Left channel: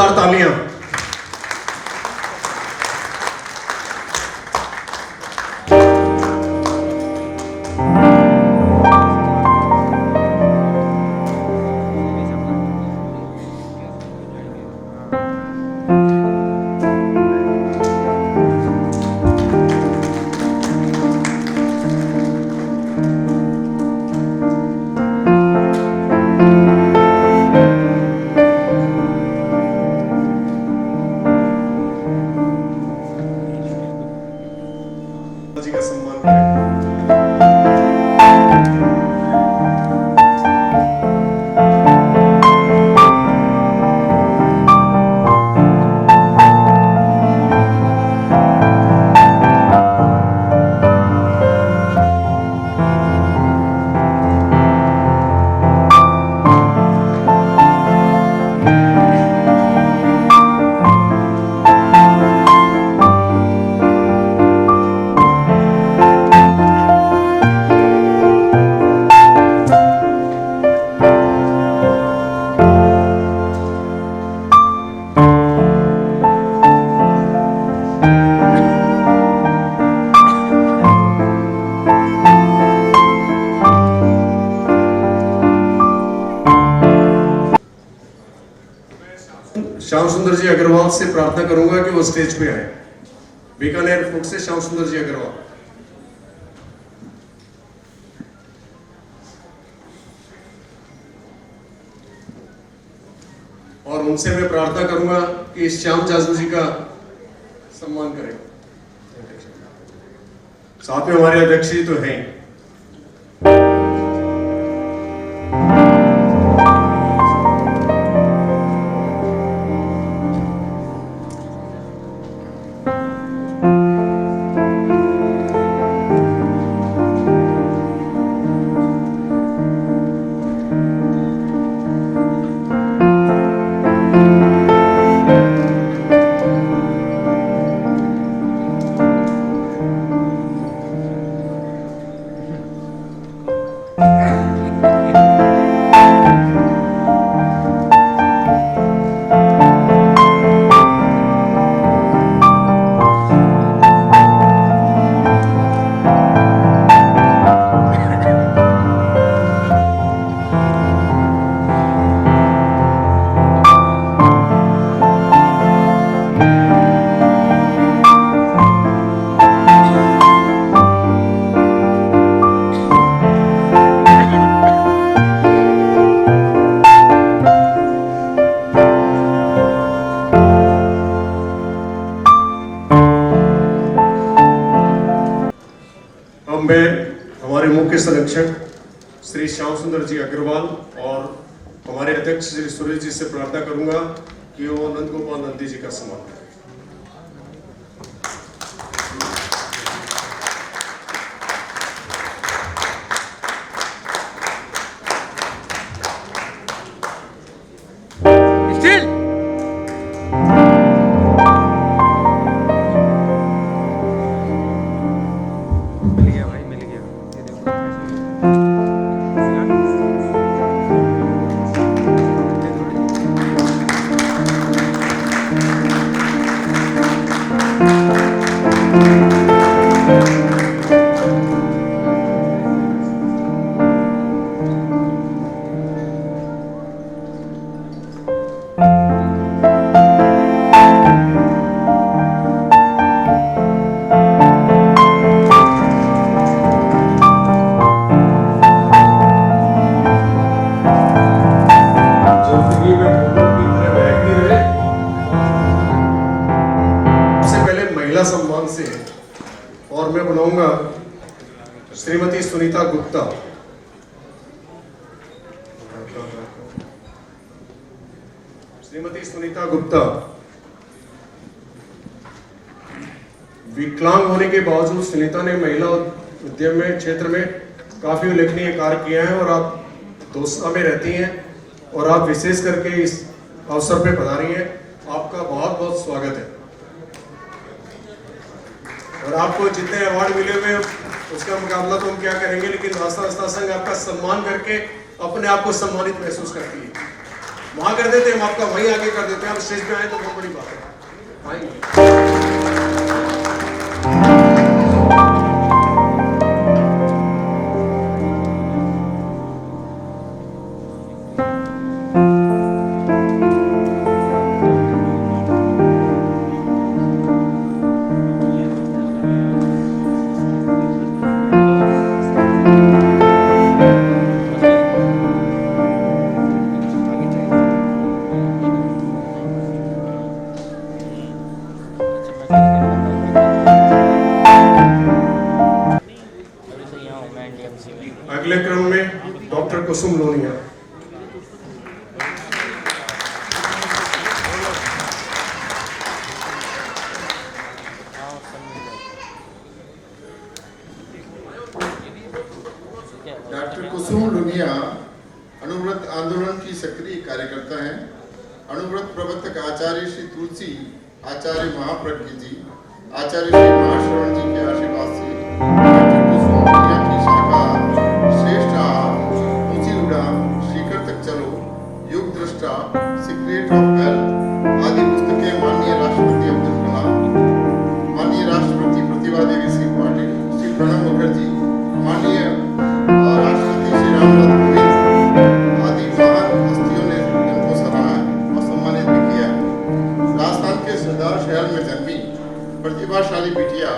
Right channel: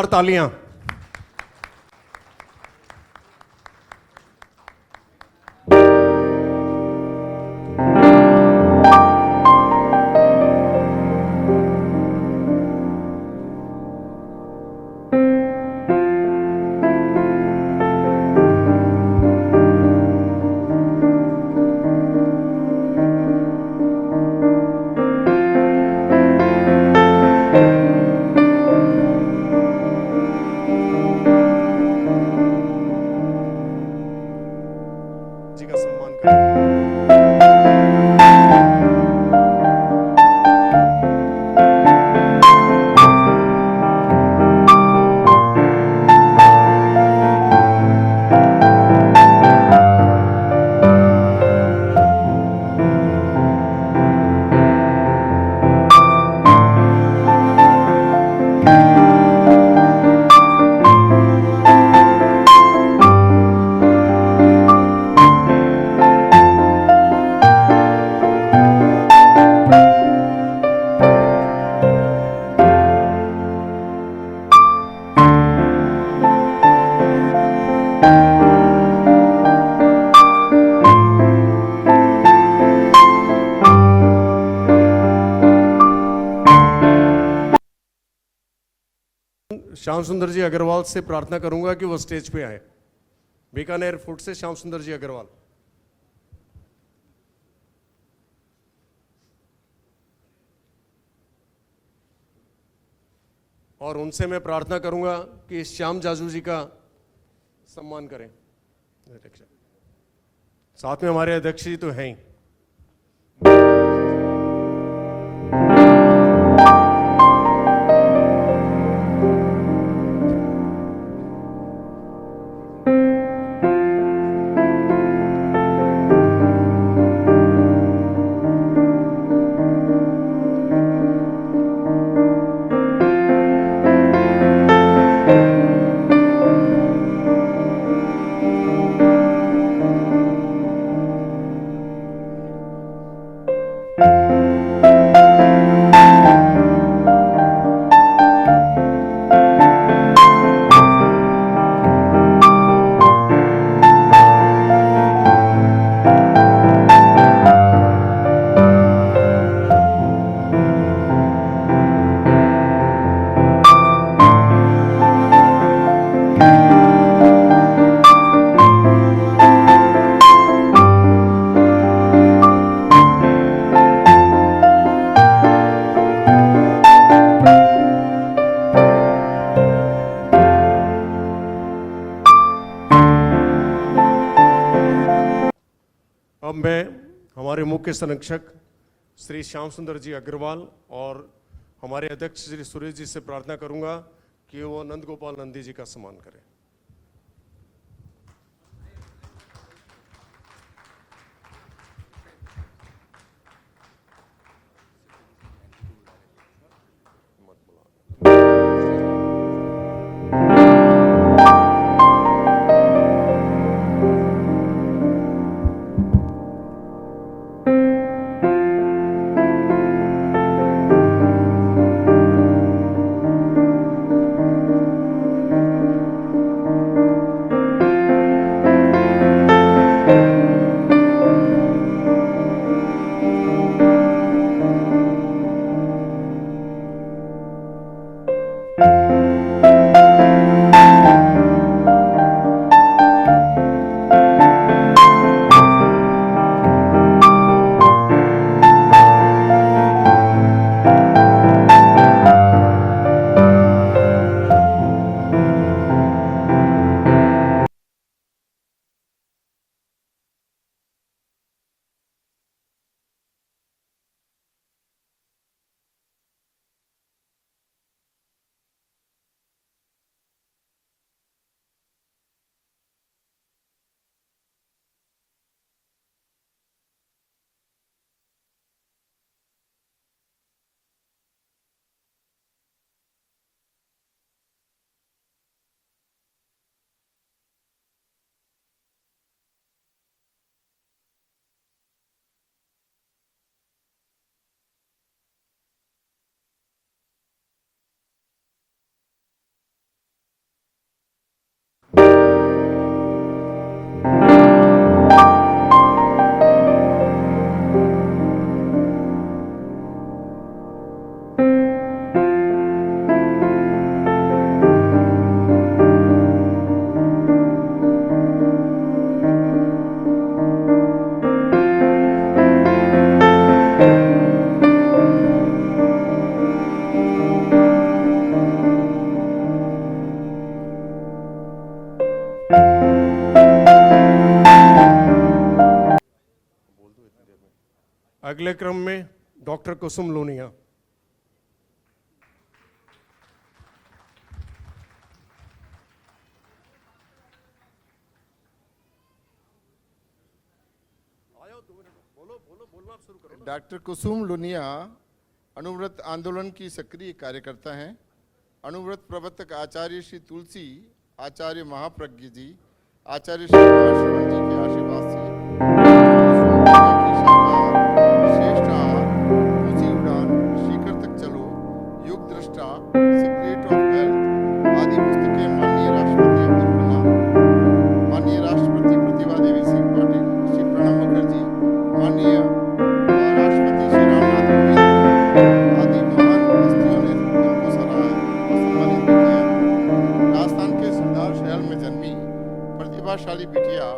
जोरदार तालियां। जी का सम्मान करें। श्याम सुंदर जी अग्रवाल से प्रार्थना करूंगा कि वो स्टेज पे आए। बीकानेर फूड से श्याम सुंदर जी अग्रवाल। और उनसे मैं प्रार्थना करूंगा कि श्याम जाजू जी का सम्मान करें। साथ में हमारे अध्यक्ष जी तो हैं। मैं हमारे मुख्य संरक्षक श्री श्याम सुंदर जी अग्रवाल और हमारे अध्यक्ष श्री सुरेश जी से प्रार्थना करूंगा कि वो नंद गोपाल नंदी जी का सम्मान करें। सम्मान से और मैं बुलाऊंगा श्रीमती सुनीता गुप्ता। श्रीमती सुनीता गुप्ता विकलांग होने के बावजूद सुनीता ने महिला उद्यम में क्षेत्र में काफी उल्लेखनीय कार्य किया है और आप दोस्ता में रहती हैं और आप विशेष करके इस अवसर पे पधारी हैं। आपका बहुत बहुत स्वागत है और आपको जितने अवार्ड मिले हुए उसका मुकाबला तो हम क्या करेंगे, लेकिन रास्ता संघ आपका सम्मान करके अपने आप को सम्मानित महसूस करती है। वहां कर देते, हम आपका वहीं आगे कर देते हैं। आप स्टेज पे आए तो बहुत बड़ी बात है। आइए। अगले क्रम में डॉक्टर कुसुम लोनिया। डॉक्टर कुसुम लोनिया अणुव्रत आंदोलन की सक्रिय कार्यकर्ता हैं। अणुव्रत प्रवर्तक आचार्य श्री तुलसी आचार्य महाप्रज्ञ जी, आचार्य श्री महाश्रवण जी के आशीर्वाद से कुसुम लोनिया की शाखा श्रेष्ठ मुंशीगुड़ा, श्रीकृत चलो, युग दृष्टा, सीक्रेट ऑफ हेल्थ आदि पुस्तकें माननीय राष्ट्रपति अब्दुल कलाम, माननीय राष्ट्रपति प्रतिभा देवी सिंह पाटिल, श्री प्रणब मुखर्जी, माननीय राष्ट्रपति श्री रामनाथ कोविंद आदि महान हस्तियों ने उनको सम्मानित किया। राजस्थान के सरदार शहर में जन्मी प्रतिभाशाली बिटिया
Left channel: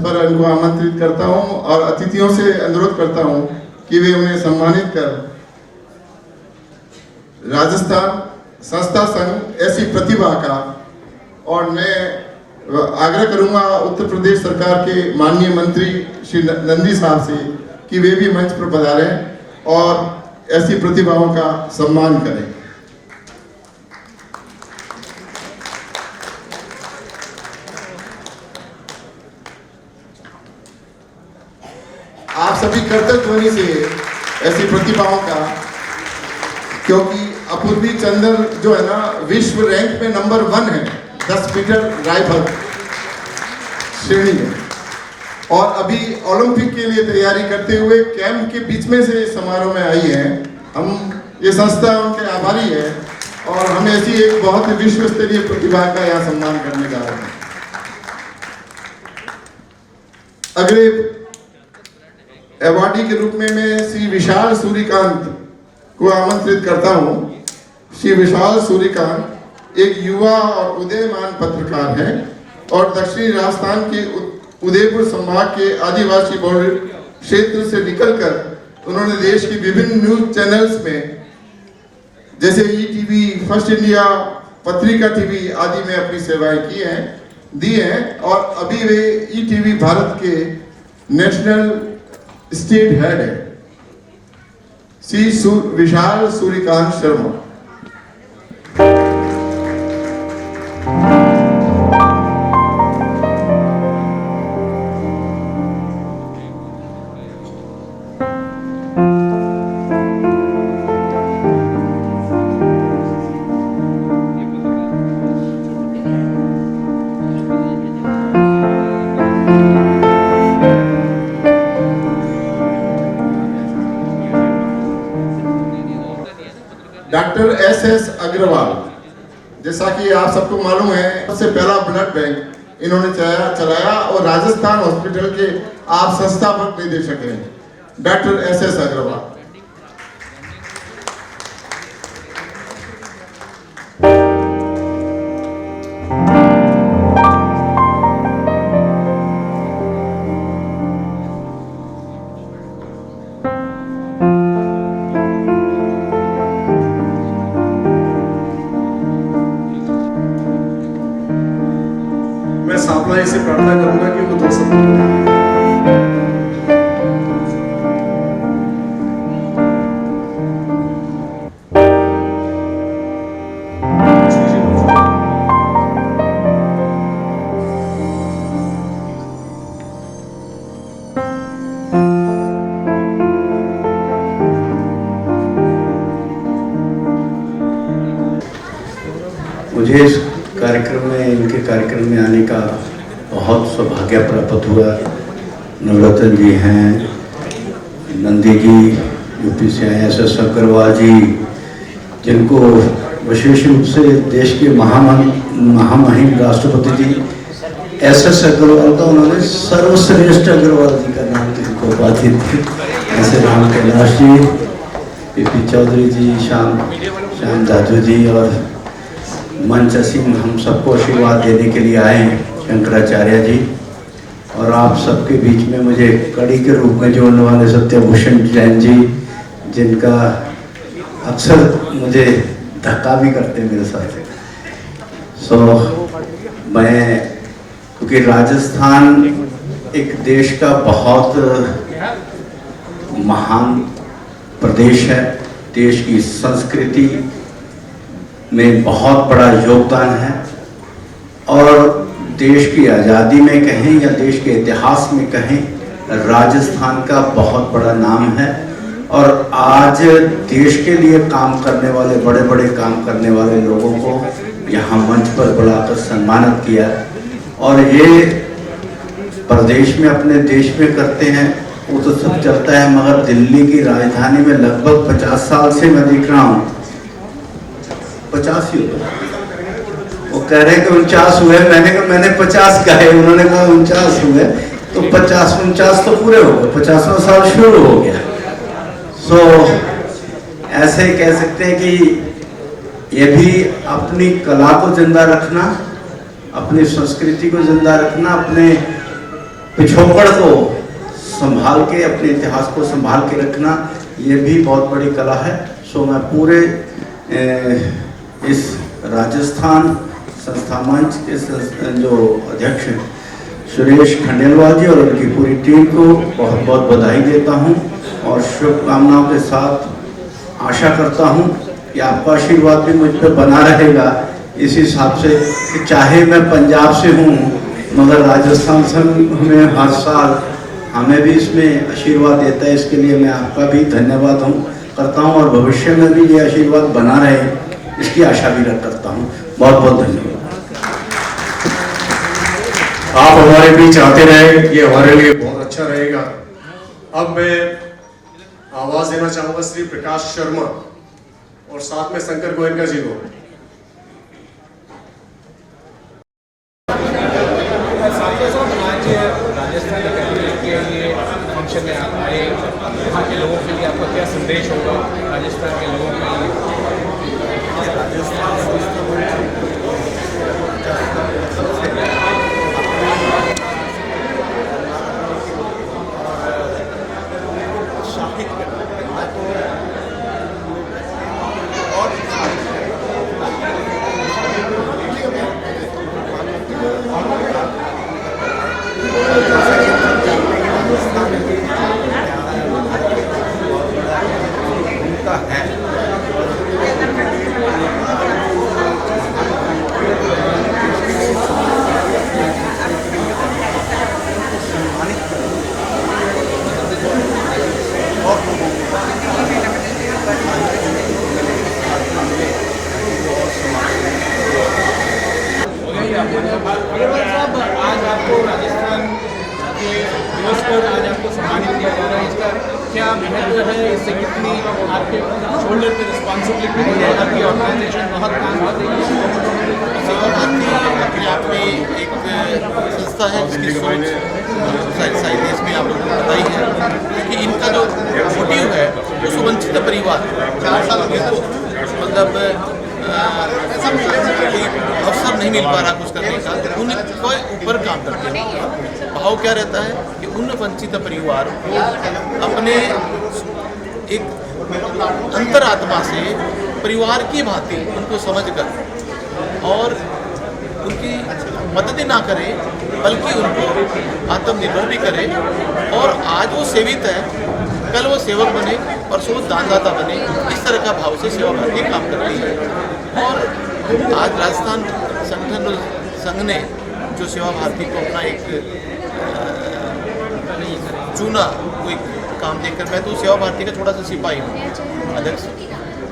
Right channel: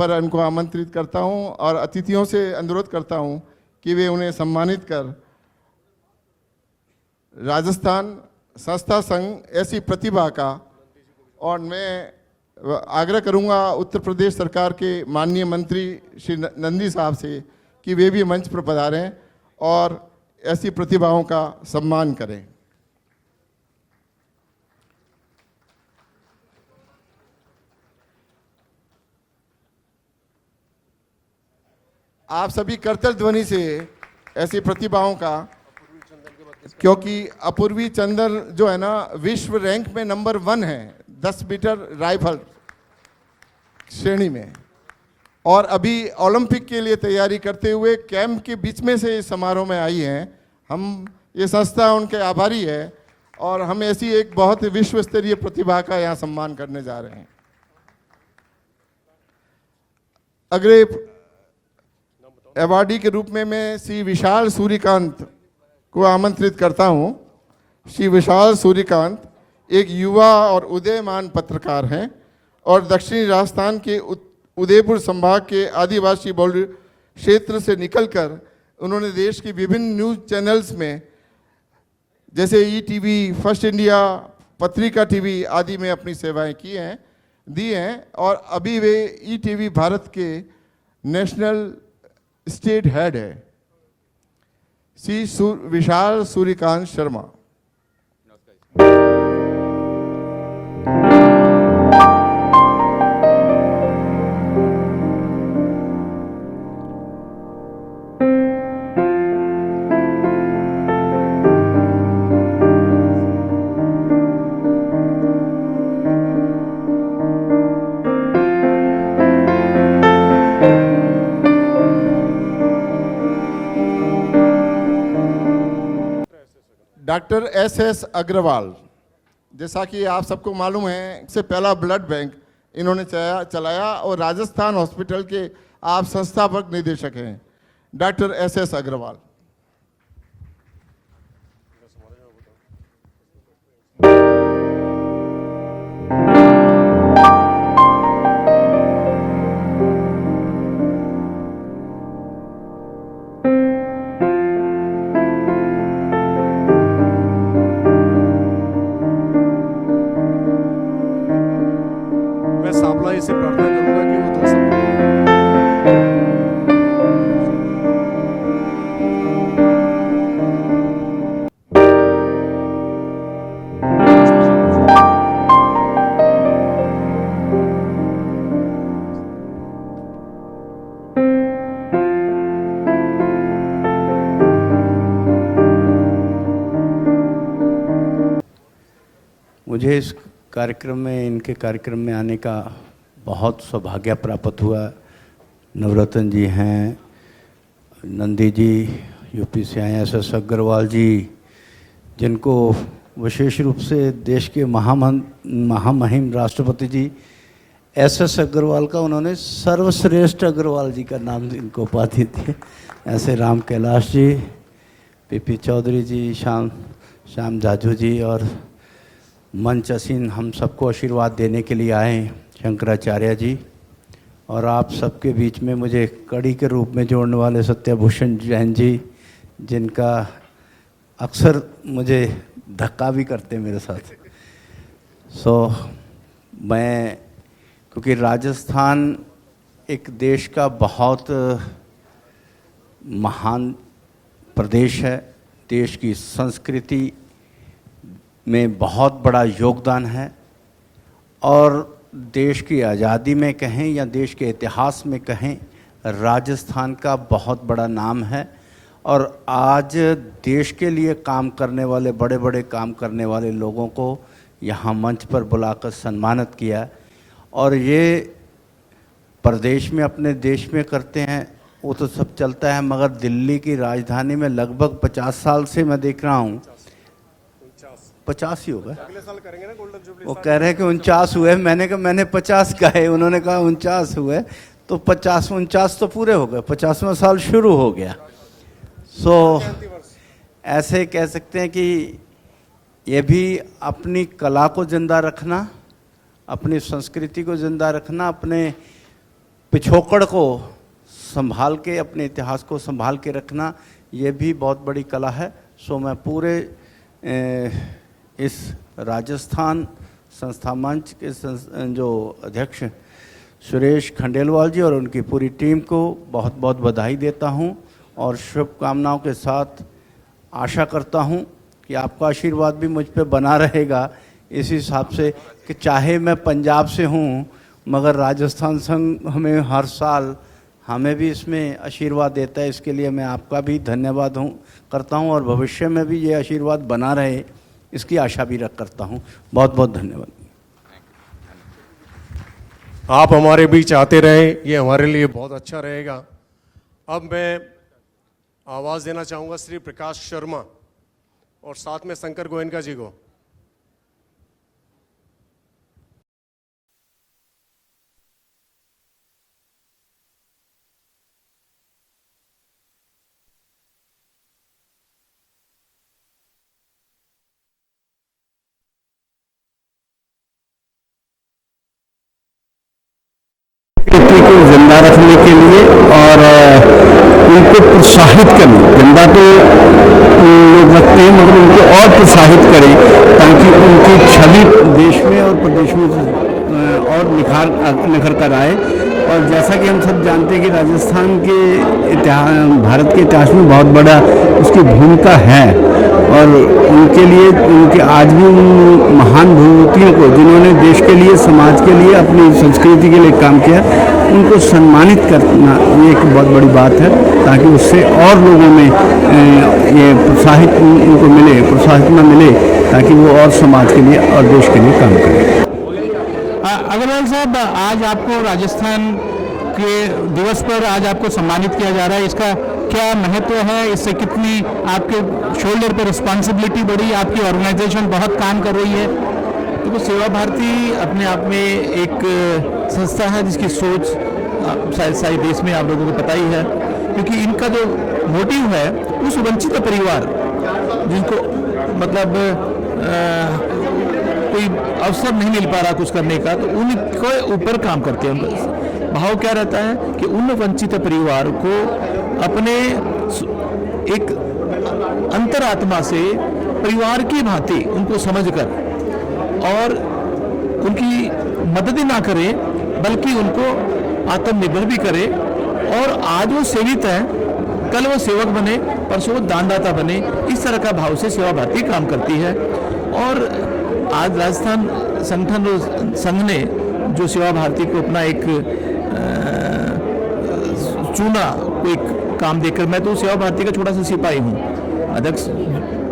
पर इनको आमंत्रित करता हूं और अतिथियों से अनुरोध करता हूं कि वे उन्हें सम्मानित कर राजस्थान संस्था संघ ऐसी प्रतिभा का। और मैं आग्रह करूंगा उत्तर प्रदेश सरकार के माननीय मंत्री श्री नंदी साहब से कि वे भी मंच पर पधारें और ऐसी प्रतिभाओं का सम्मान करें। आप सभी कर्तव्य ध्वनि से ऐसी प्रतिभाओं का, क्योंकि अपूर्वी चंदन जो है ना विश्व रैंक में नंबर 1 है 10 मीटर राइफल श्रेणी में, और अभी ओलंपिक के लिए तैयारी करते हुए कैंप के बीच में से समारोह में आई है। हम ये संस्था उनके आभारी है और हम ऐसी एक बहुत विश्व स्तरीय प्रतिभा का यहाँ सम्मान करने जा रहे हैं। अगले अवार्डी के रूप में मैं श्री विशाल सूर्यकांत को आमंत्रित करता हूं। श्री विशाल सूर्यकांत एक युवा और उदयमान पत्रकार हैं और दक्षिणी राजस्थान के उदयपुर संभाग के आदिवासी बहुल क्षेत्र से निकलकर उन्होंने देश की विभिन्न न्यूज चैनल्स में जैसे ईटीवी, फर्स्ट इंडिया, पत्रिका टीवी आदि में अपनी सेवाएं दी हैं और अभी वे ईटीवी भारत के नेशनल स्टेट हेड है। श्री विशाल सूर्यकांत शर्मा। डॉक्टर एस अग्रवाल, जैसा कि आप सबको मालूम है सबसे पहला ब्लड बैंक इन्होंने चलाया और राजस्थान हॉस्पिटल के आप संस्थापक निदेशक हैं डॉक्टर एस अग्रवाल। सावधानी से प्रार्थना करूंगा कि वो तो मुझे इस कार्यक्रम में, इनके कार्यक्रम में आने का बहुत सौभाग्य प्राप्त हुआ। नवरत्न जी हैं, नंदी जी यूपी से हैं, SS अग्रवाल जी, जिनको विशेष रूप से देश के महामहिम राष्ट्रपति जी SS अग्रवाल का उन्होंने सर्वश्रेष्ठ अग्रवाल जी का नाम जिनको उपाधि दी। ऐसे राम कैलाश जी, पी चौधरी जी, श्याम दादू जी और मंच सिंह हम सबको आशीर्वाद देने के लिए आए हैं, शंकराचार्य जी। और आप सबके बीच में मुझे कड़ी के रूप में जोड़ने वाले सत्यभूषण जैन जी, जिनका अक्सर मुझे धक्का भी करते मेरे साथ। मैं, क्योंकि राजस्थान एक देश का बहुत महान प्रदेश है, देश की संस्कृति में बहुत बड़ा योगदान है और देश की आज़ादी में कहें या देश के इतिहास में कहें, राजस्थान का बहुत बड़ा नाम है। और आज देश के लिए काम करने वाले, बड़े बड़े काम करने वाले लोगों को यहाँ मंच पर बुलाकर सम्मानित किया। और ये प्रदेश में, अपने देश में करते हैं वो तो सब चलता है, मगर दिल्ली की राजधानी में लगभग 50 साल से मैं देख रहा हूँ, 50 ही वो कह रहे कि 49 हुए, मैंने 50 कहे, उन्होंने कहा 49 हुए, तो 50-49 तो पूरे हो गए, 50वां साल शुरू हो गया। ऐसे कह सकते हैं कि ये भी अपनी कला को जिंदा रखना, अपनी संस्कृति को जिंदा रखना, अपने पिछोकड़ को संभाल के, अपने इतिहास को संभाल के रखना, ये भी बहुत बड़ी कला है। मैं पूरे इस राजस्थान संस्था मंच के जो अध्यक्ष सुरेश खंडेलवाल जी और उनकी पूरी टीम को बहुत बहुत बधाई देता हूँ और शुभकामनाओं के साथ आशा करता हूँ कि आपका आशीर्वाद भी मुझ पर बना रहेगा। इस हिसाब से कि चाहे मैं पंजाब से हूँ, मगर राजस्थान संघ में हर साल हमें भी इसमें आशीर्वाद देता है, इसके लिए मैं आपका भी धन्यवाद करता हूँ और भविष्य में भी ये आशीर्वाद बना रहे, इसकी आशा भी करता हूँ। बहुत बहुत धन्यवाद। आप हमारे भी चाहते रहे कि हमारे लिए बहुत अच्छा रहेगा। अब मैं आवाज देना चाहूंगा श्री प्रकाश शर्मा और साथ में शंकर गोयनका जी को। राजस्थान अकेडमी के लिए फंक्शन में आप आए, वहाँ के लोगों के लिए आपका क्या संदेश होगा राजस्थान के लोगों के लिए? संस्कृति को जिंदा रखने के लिए और उनको प्रोत्साहित करने, जिंदा तो लोग रखते हैं मगर उनको और प्रोत्साहित करें ताकि उनकी छवि देश में और प्रदेश में और निखर कर आए। और जैसा कि हम सब जानते हैं कि राजस्थान के इतिहास, भारत के इतिहास में बहुत बड़ा उसकी भूमिका है और उनके लिए, उनके आज भी उन महान विभूतियों को जिन्होंने देश के लिए, समाज के लिए, अपनी संस्कृति के लिए काम किया, उनको सम्मानित करना ये एक बहुत बड़ी बात है ताकि उससे और लोगों में ये प्रोत्साहित उनको मिले, प्रोत्साहित मिले ताकि वो और समाज के लिए और देश के लिए काम करें। अग्रवाल साहब, आज आपको राजस्थान के दिवस पर आज आपको सम्मानित किया जा रहा है, इसका क्या महत्व है? इससे कितनी आपके शोल्डर पे रिस्पॉन्सिबिलिटी बढ़ी? आपकी ऑर्गेनाइजेशन बहुत काम कर रही है। तो सेवा भारती अपने आप में एक संस्था है जिसकी सोच सारे देश में आप लोगों को पता ही है, क्योंकि इनका जो मोटिव है उस वंचित परिवार जिनको मतलब कोई अवसर नहीं मिल पा रहा कुछ करने का, तो उनके ऊपर काम करते हैं। भाव क्या रहता है कि उन वंचित परिवार को अपने एक अंतरात्मा से परिवार की भांति उनको समझकर और उनकी मदद ना करे बल्कि उनको आत्मनिर्भर भी करे। और आज वो सेवित हैं, कल वो सेवक बने, परसों वो दानदाता बने, इस तरह का भाव से सेवा भारती काम करती है। और आज राजस्थान संगठन संघ ने जो सेवा भारती को अपना एक चुना, को एक काम देखकर, मैं तो सेवा भारती का छोटा सा सिपाही हूँ, अध्यक्ष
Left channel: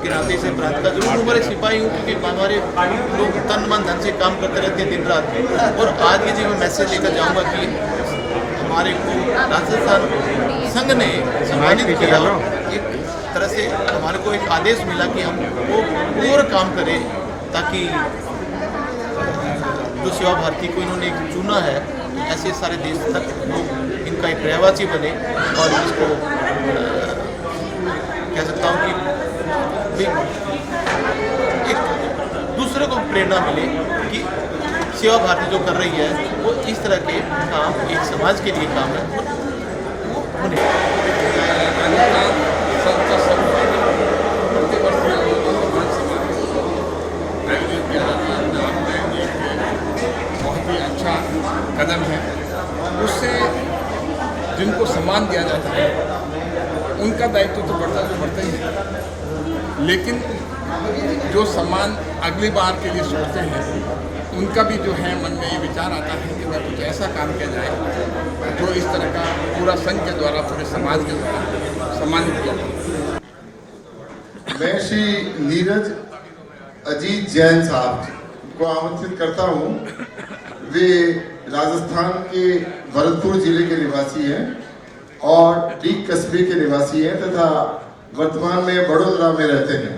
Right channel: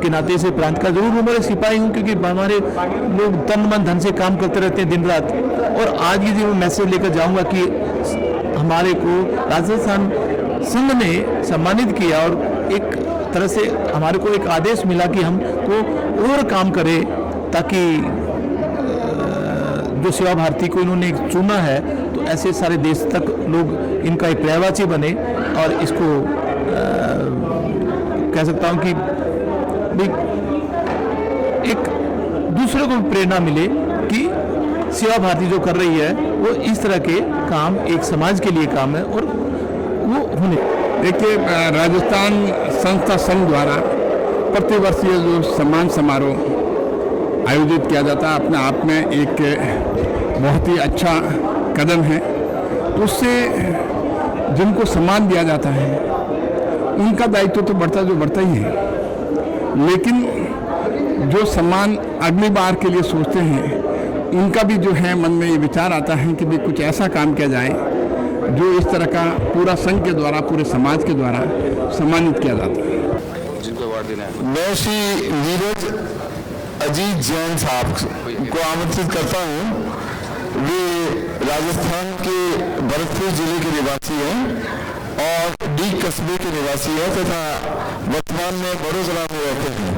के नाते से प्रांत का जरूर मैं सिपाही हूँ, क्योंकि हमारे लोग तन मन धन से काम करते रहते हैं दिन रात। और आज भी जी मैं मैसेज लेकर जाऊँगा कि हमारे को राजस्थान संघ ने सम्मानित किया और एक तरह से हमारे को एक आदेश मिला कि हमको और काम करें, ताकि जो सेवा भारती को इन्होंने चुना है तो ऐसे सारे देश तक लोग इनका एक रहवासी बने और इसको कह सकता हूँ कि एक दूसरे को प्रेरणा मिले कि सेवा भारती जो कर रही है वो इस तरह के काम एक समाज के लिए काम है और वो होने। देखिए, राजस्थान संस्था संघ द्वारा प्रतिवर्षीय जो सम्मान समारोह आयोजित किया जाता है अपने आप में एक बहुत ही अच्छा कदम है। उससे जिनको सम्मान दिया जाता है उनका दायित्व तो बढ़ता ही है, लेकिन जो सम्मान अगली बार के लिए सोचते हैं उनका भी जो है मन में ये विचार आता है कि कुछ ऐसा काम किया जाए जो इस तरह का पूरा संघ के द्वारा, पूरे समाज के द्वारा सम्मानित किया जाता है। मैं श्री नीरज अजीत जैन साहब को आमंत्रित करता हूँ। वे राजस्थान के भरतपुर जिले के निवासी हैं और डी कस्बे के निवासी हैं तथा वर्तमान में बड़ौदा में रहते हैं।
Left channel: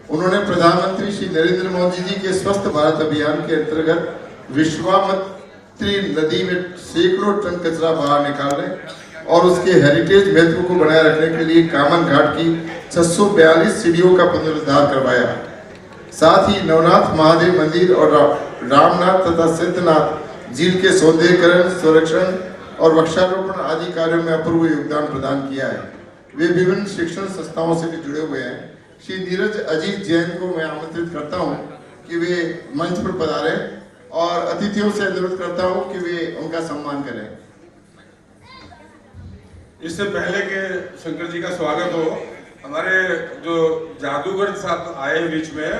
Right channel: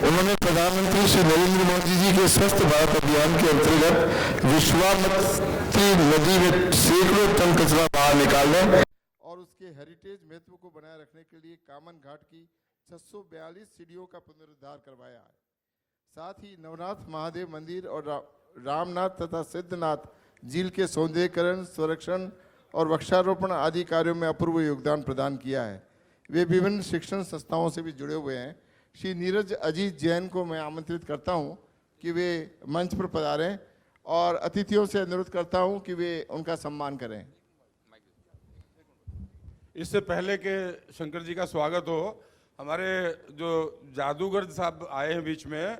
उन्होंने प्रधानमंत्री श्री नरेंद्र मोदी जी के स्वच्छ भारत अभियान के अंतर्गत विश्वामित्री नदी में सैकड़ों टन कचरा बाहर निकालने और उसके हेरिटेज महत्व को बनाए रखने के लिए कामन घाट की 642 सीढ़ियों का पुनरुद्धार करवाया। साथ ही नवनाथ महादेव मंदिर और रामनाथ तथा सिद्धनाथ झील के सौंदर्यीकरण, संरक्षण और वृक्षारोपण आदि कार्यों में अपूर्व योगदान प्रदान किया है। वे विभिन्न शिक्षण संस्थाओं से भी जुड़े हुए हैं। श्री नीरज अजीत जैन को मैं आमंत्रित करता हूं कि वे मंच पर पधारें और अतिथियों से अनुरोध करता हूं कि वे उनका सम्मान करें। इससे पहले कि शंकर जी का स्वागत हो, हमारे जो जादूगर साहब आए बीच में,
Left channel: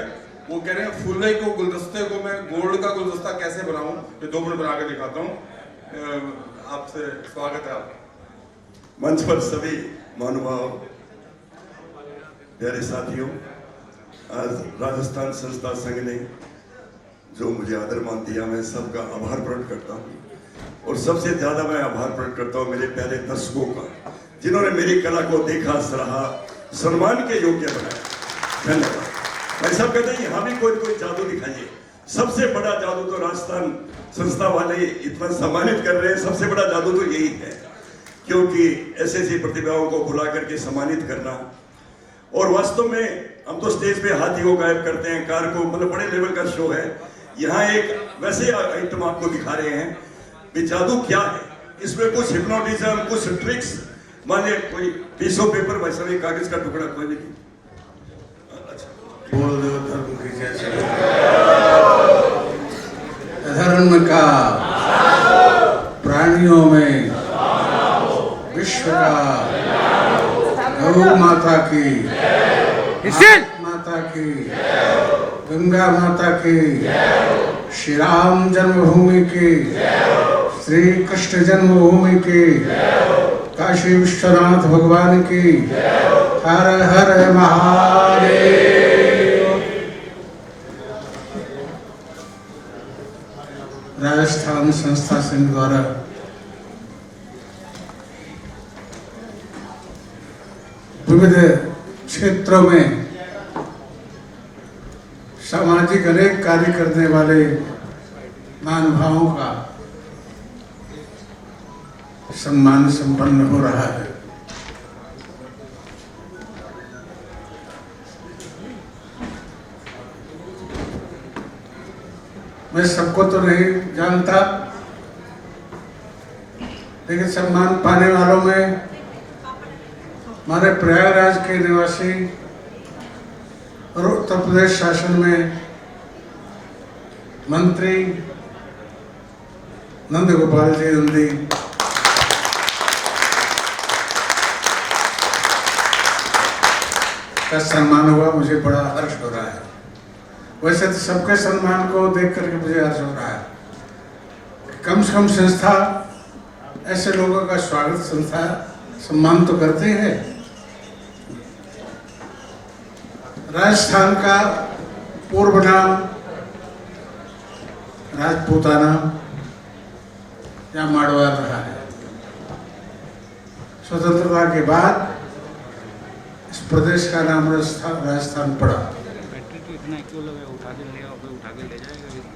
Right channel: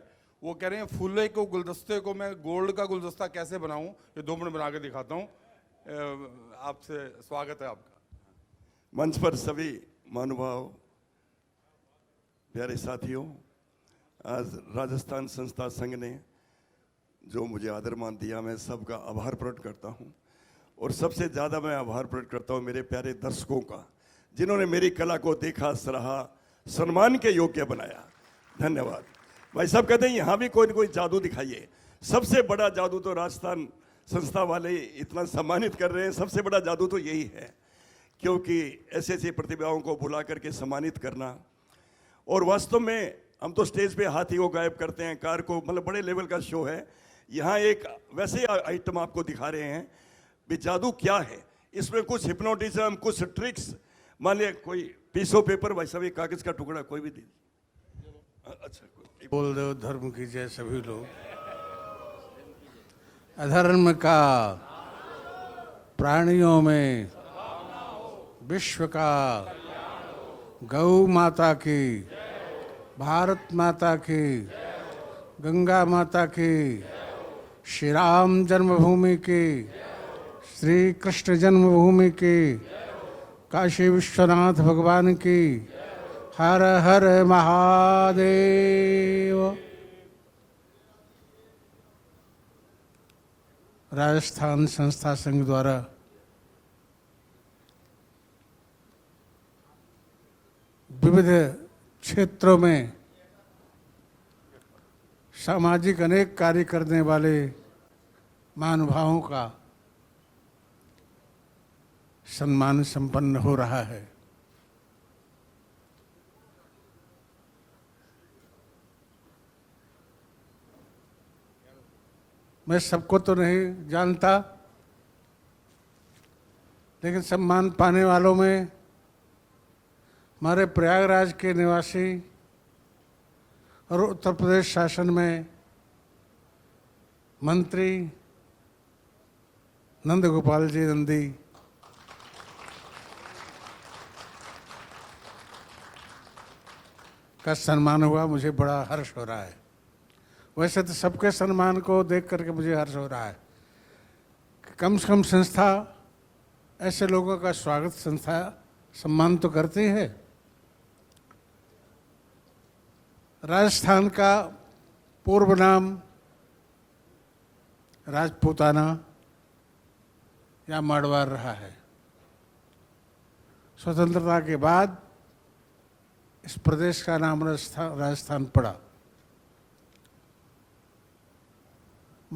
वो कह रहे हैं फूले को गुलदस्ते को मैं गोल्ड का गुलदस्ता कैसे बनाऊं, ये 2 मिनट बना के दिखाता हूँ। आपसे स्वागत है। मंच पर सभी महानुभाव, प्यारे साथियों, आज राजस्थान संस्था संघ ने जो मुझे आदरमान दिया, मैं सबका आभार प्रकट करता हूँ और सबसे ज्यादा मैं आभार प्रकट करता हूँ मेरे प्यारे दर्शकों का, जिन्होंने मेरी कला को देखा, सराहा, सम्मान के योग्य बनाया। ऐसा कहते हैं यहाँ भी कोई जादू दिखाइए, सबसे बड़ा जादू तो राजस्थान संस्था वाले इतना सम्मानित कर रहे हैं, सबसे बड़ा जादू तो यही है, क्योंकि ऐसी प्रतिभाओं को बुला करके सम्मानित करना। और वास्तव में हम तो स्टेज पे हाथी हो गायब करते हैं, कार को, मतलब बड़े लेवल का शो है। यहाँ एक वैसे आइटम आपको दिखा रहे हैं कि जादू क्या है, इसमें कुछ हिप्नोटिज्म, कुछ ट्रिक्स, माने कोई पीस ऑफ पेपर वैसा ही कागज का टुकड़ा कोई नहीं। धर्म का प्राणियों में विश्व का, गौ माता की, भारत माता की, गंगा माता की, श्री राम जन्मभूमि की, श्री कृष्ण जन्मभूमि की, काशी विश्वनाथ भगवान की, हर हर महादेव। राजस्थान संस्था संघ द्वारा विविध क्षेत्रों में सामाजिक अनेक कार्य करने वाले महानुभावों का सम्मान संपन्न हो रहा है। मैं सबको तो नहीं जानता, लेकिन सम्मान पाने वालों में हमारे प्रयागराज के निवासी और उत्तर प्रदेश शासन में मंत्री नंद गोपाल जी नंदी, का सम्मान हुआ, मुझे बड़ा हर्ष हो रहा है। वैसे सबके सम्मान को देख करके मुझे हर्ष हो रहा है। कम से कम संस्था ऐसे लोगों का स्वागत सम्मान तो करते ही है। राजस्थान का पूर्व नाम राजपूताना या मारवाड़ रहा है। स्वतंत्रता के बाद इस प्रदेश का नाम राजस्थान पड़ा।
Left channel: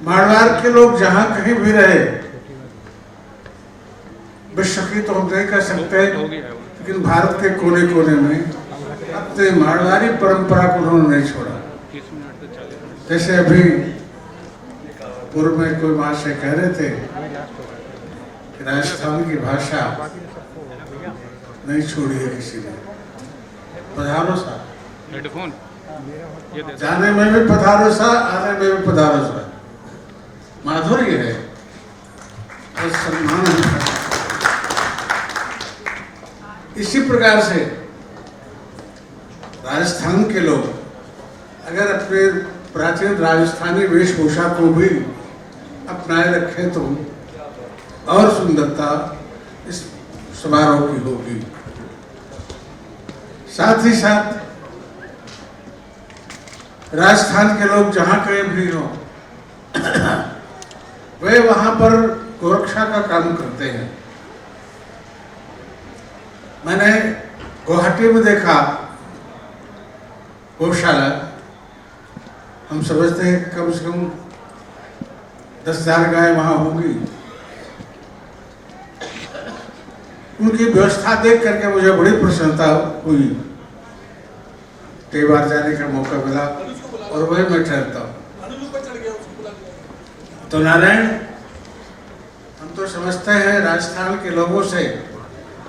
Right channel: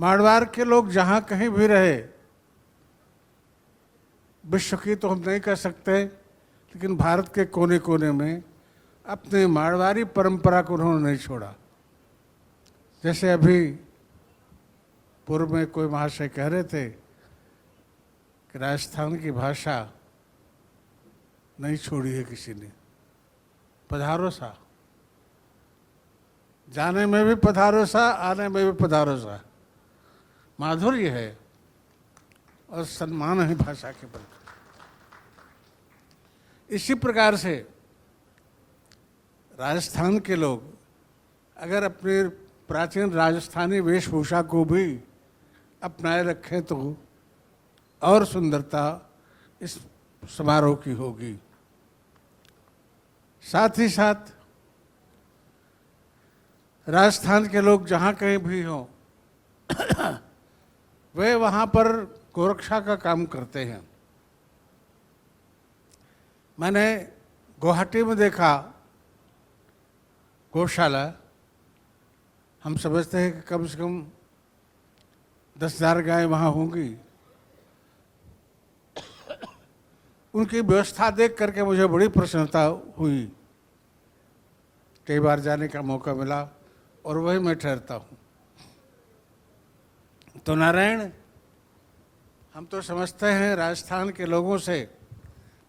मारवाड़ के लोग जहां कहीं भी रहे, विश्व की तो हम नहीं कह सकते, लेकिन भारत के कोने कोने में अपने मारवाड़ी परंपरा को उन्होंने नहीं छोड़ा। जैसे अभी पूर्व में कोई महाशय कह रहे थे, राजस्थान की भाषा नहीं छोड़ी है किसी ने। पधारो सा, जाने में भी पधारो सा, आने में भी पधारो सा, माधुर्य है और सम्मान है। इसी प्रकार से राजस्थान के लोग अगर अपने प्राचीन राजस्थानी वेशभूषा को भी अपनाए रखें तो और सुंदरता इस समारोह की होगी। साथ ही साथ राजस्थान के लोग जहां कहीं भी हों, वे वहां पर गोरक्षा का काम करते हैं। मैंने गुवाहाटी में देखा गौशाला, हम समझते हैं कम से कम 10,000 गाय वहां होंगी। उनकी व्यवस्था देख करके मुझे बड़ी प्रसन्नता हुई। कई बार जाने का मौका मिला और वही मैं ठहरता हूँ। तो नारायण, हम तो समझते हैं राजस्थान के लोगों से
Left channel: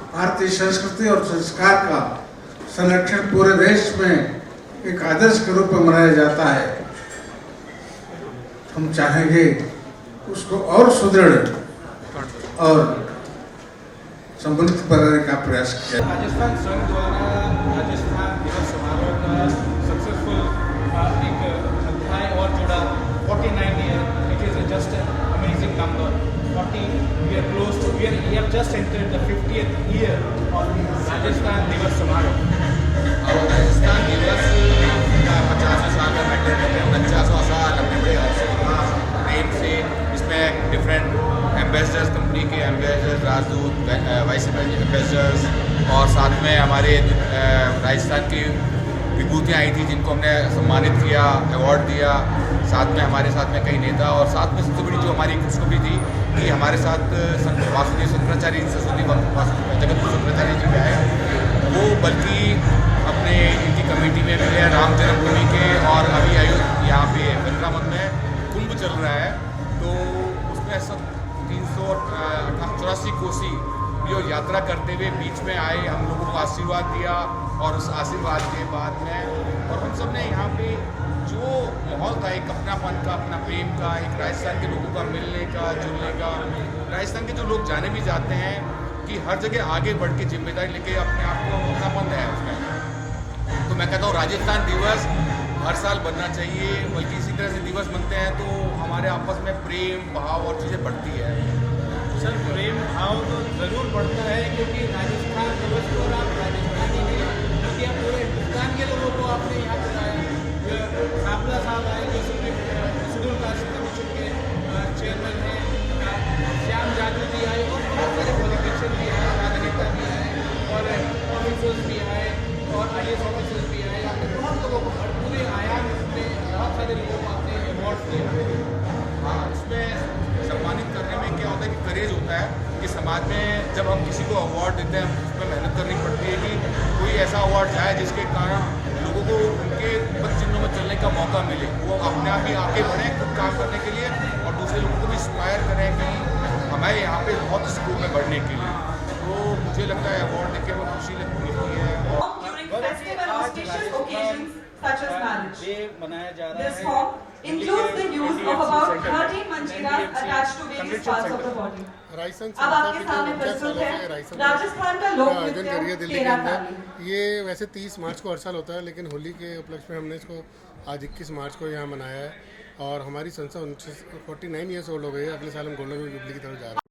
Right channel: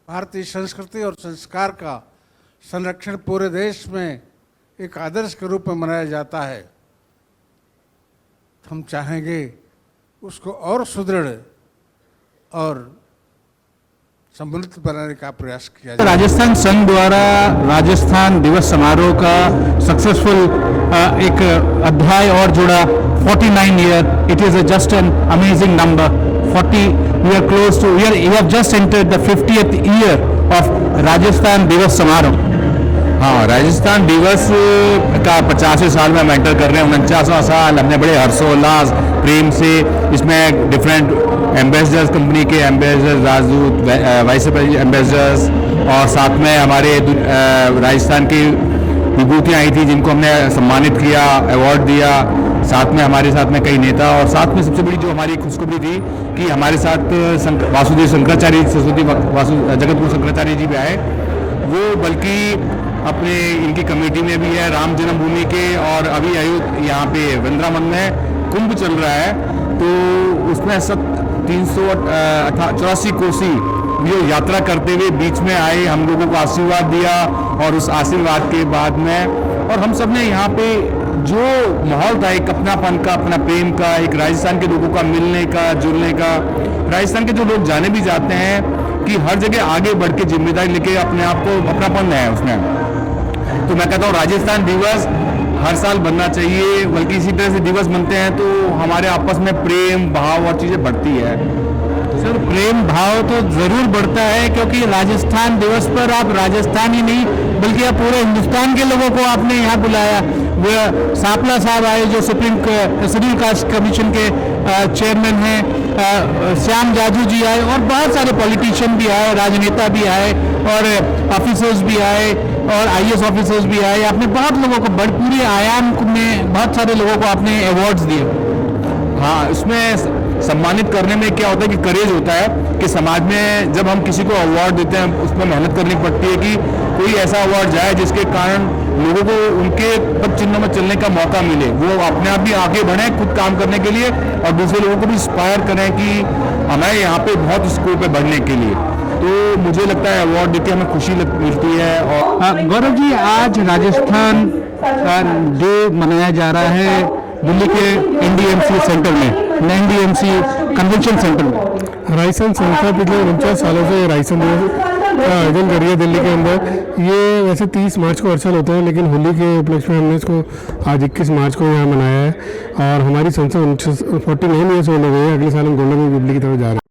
भारतीय संस्कृति और संस्कार का संरक्षण पूरे देश में एक आदर्श के रूप में मनाया जाता है। हम चाहेंगे उसको और सुदृढ़ और समृद्ध करने का प्रयास किया। राजस्थान संघ द्वारा राजस्थान दिवस समारोह का सक्सेसफुल एक अध्याय और जुड़ा 49 year. It is just an amazing number 40। We are close to we have just entered the 50th year of Rajasthan दिवस समारोह। हाँ, राजस्थान दिवस का 50वें साल में हम एंटर कर रहे हैं। 49वां साल हमने बड़े हर्षोल्लास प्रेम से इसमें डिफरेंट एम्बेसडर्स, कंपनी के एम्बेसडर्स, राजदूत, वाइस एम्बेसडर्स और साथ में हमारे राजस्थान की विभूतियाँ आई थी जिनको हमने सम्मानित किया, अवार्ड दिया। साथ में हमारे साथ में कई नेता और साथ में सबसे बड़ी जो हमारी खुशखबरी थी कि हमारे साथ वासुदेव शंकराचार्य सरस्वती जगतगुरु शंकराचार्य जी भी आए। वो बल्कि अपने इनकी कमेटी में भी है राम जन्मभूमि के, और अभी यहाँ पे वृंदावन में कुंभ चल रहा है तो उसमें सब 384 कोसी जो यात्रा करते हुए बीच में आए, हम लोगों को आशीर्वाद दिया और उस आशीर्वाद के बाद में और हम सब ने यहाँ पे जो माहौल था एक अपनापन का, अपना प्रेम का, एक राजस्थान के लोगों का मिलने का, जुड़ने का। राजस्थान के जो लोग जाने भी जाते हैं कि हर जगह आगे बढ़ के जिम्मेदारी लेके अपने आप को अपनापन है उसमें। तो मैं कहता हूँ राजस्थान दिवस हर साल बनना चाहिए, बल्कि इसी तरह से दिवस बनते हैं तो हमारे आपस में प्रेम भाव और चीज़ें बढ़ती है। सर, प्रेम भाव तो जरूर बढ़ता है क्योंकि राजस्थान दिवस पर आप राजस्थान ही नहीं बल्कि आप पूरे हिंदुस्तान के लोगों को आपने यहाँ बुलाया। वो सापला साहब आए जो सुप्रीम शेड्यूल कास्ट कमीशन के चेयरमैन हैं, श्याम जाजू जी आए और बहुत सारे पॉलिटिशियन भी आए, राजनेता भी आए और ऑफिसर्स भी आए और आईएएस ऑफिसर्स भी आए। आपने बहुत लोगों को पूरे आयाम में बहुत सारे लोगों को आपने अवार्ड्स दिए। हाँ, इसमें सम्मानित करने में क्या होता है कि करेज होता है कि समाज में जब हम किसी को अवार्ड देते हैं उसमें मेहनत करनी पड़ती है कि कोई ऐसा अवार्ड जाए जिसके कारण लोगों को उनके पद चिन्ह में चलने का मौका मिले, वो अपने आप भी आगे बढ़ें खुद काम करने के लिए और दूसरे लोगों को भी इंस्पायर करें कि हमें यहाँ पे बहुत स्कोप है बढ़ने के लिए। तो मुझे लगता है अवार्ड देके हमें खुशी मिलती है। और गौरव जी, आज राजस्थान डे मनाया जा रहा है दिल्ली के एनडीएमसी सेंटर में, एनडीएमसी कन्वेंशन सेंटर में। राजस्थान संस्था पिछले 49 सालों से राजस्थान दिवस का आयोजन कर रही है दिल्ली के अंदर। ये वैसे 30 मार्च को हर साल होता है, लेकिन होली के उपलक्ष्य में हमने इसको आज 21 मार्च को यहाँ मनाया है। और हमारी संस्था 49 ईयर्स होने गई है। अगले साल हम गोल्डन जुबली की तरफ जा रहे हैं।